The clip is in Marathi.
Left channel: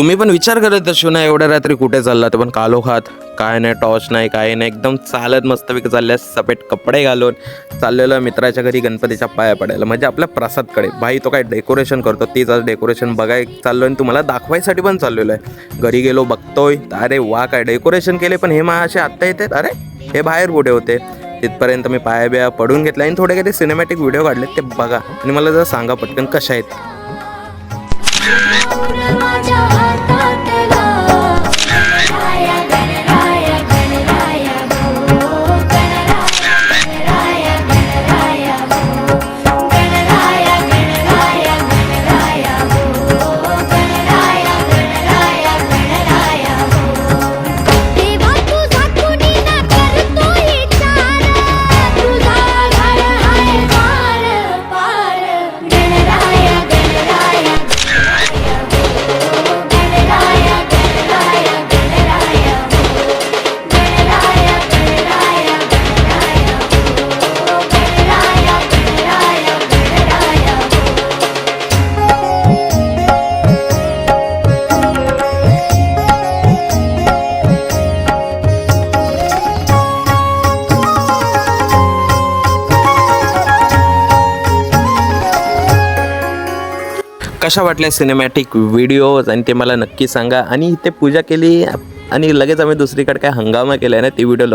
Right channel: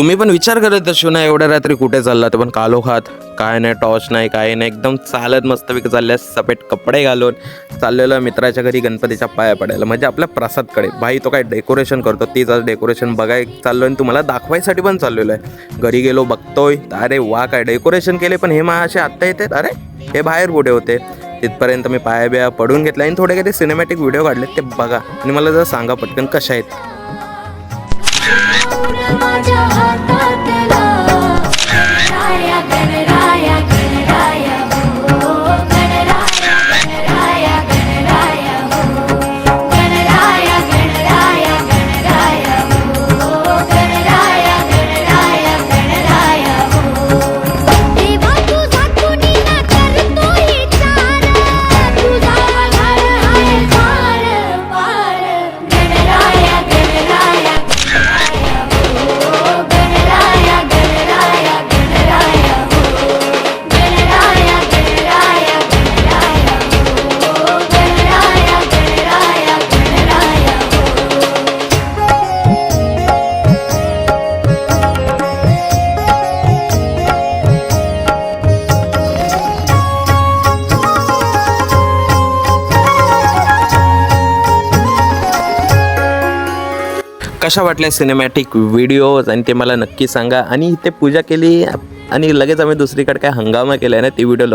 तुम्ही पण विचार करत असू ना एवढ्या रात्री कुठे चाललात, पण कालोखात काय नाही, टॉर्च नाही, काय नाही, एकदम चालत मस्तपैकी चालल्या सपेट कपडे घालून चाललेलं मित्राच्या घरी गणपतीच्या पाया पडायला, म्हणजे आपल्या प्रसादकडे. भाई तो काय डेकोरेशन करतो, तीच आज डेकोरेशन बघाय चाललो आणि तुम्हाला दाखवायसाठी पण चाललेलो आहे. घरी गेलो बघतोय, अरे वा काय डेकोरेशन केले, पण हे असे आत्ता येतात, अरे हे बाहेर कुठे होते. तिथपर्यंत मी पाया बिया पडून घेतला आणि थोडे काही सिनेमॅटिक व्हिडिओ काढले, ते बघा आणि मला जर सांगा पटकन कशा आहेत. माझ्या हातातला गणराया गणराया गणराया हो गणराया गणराया हो गणराया गणराया गणराया हो गणराया गणराया गणराया हो. देवा तुझा कुणी ना करतो विचार, तुझा घर आहे पार पार. गणराया गणराया कशा वाटल्या सिनेमॅटिक व्हिडिओज आणि ते मला नक्की सांगा. आणि इथे पूजा केली आणि लगेच आम्ही दुसरीकडे काय हंगामा केला आहे ना, ती व्हिडिओ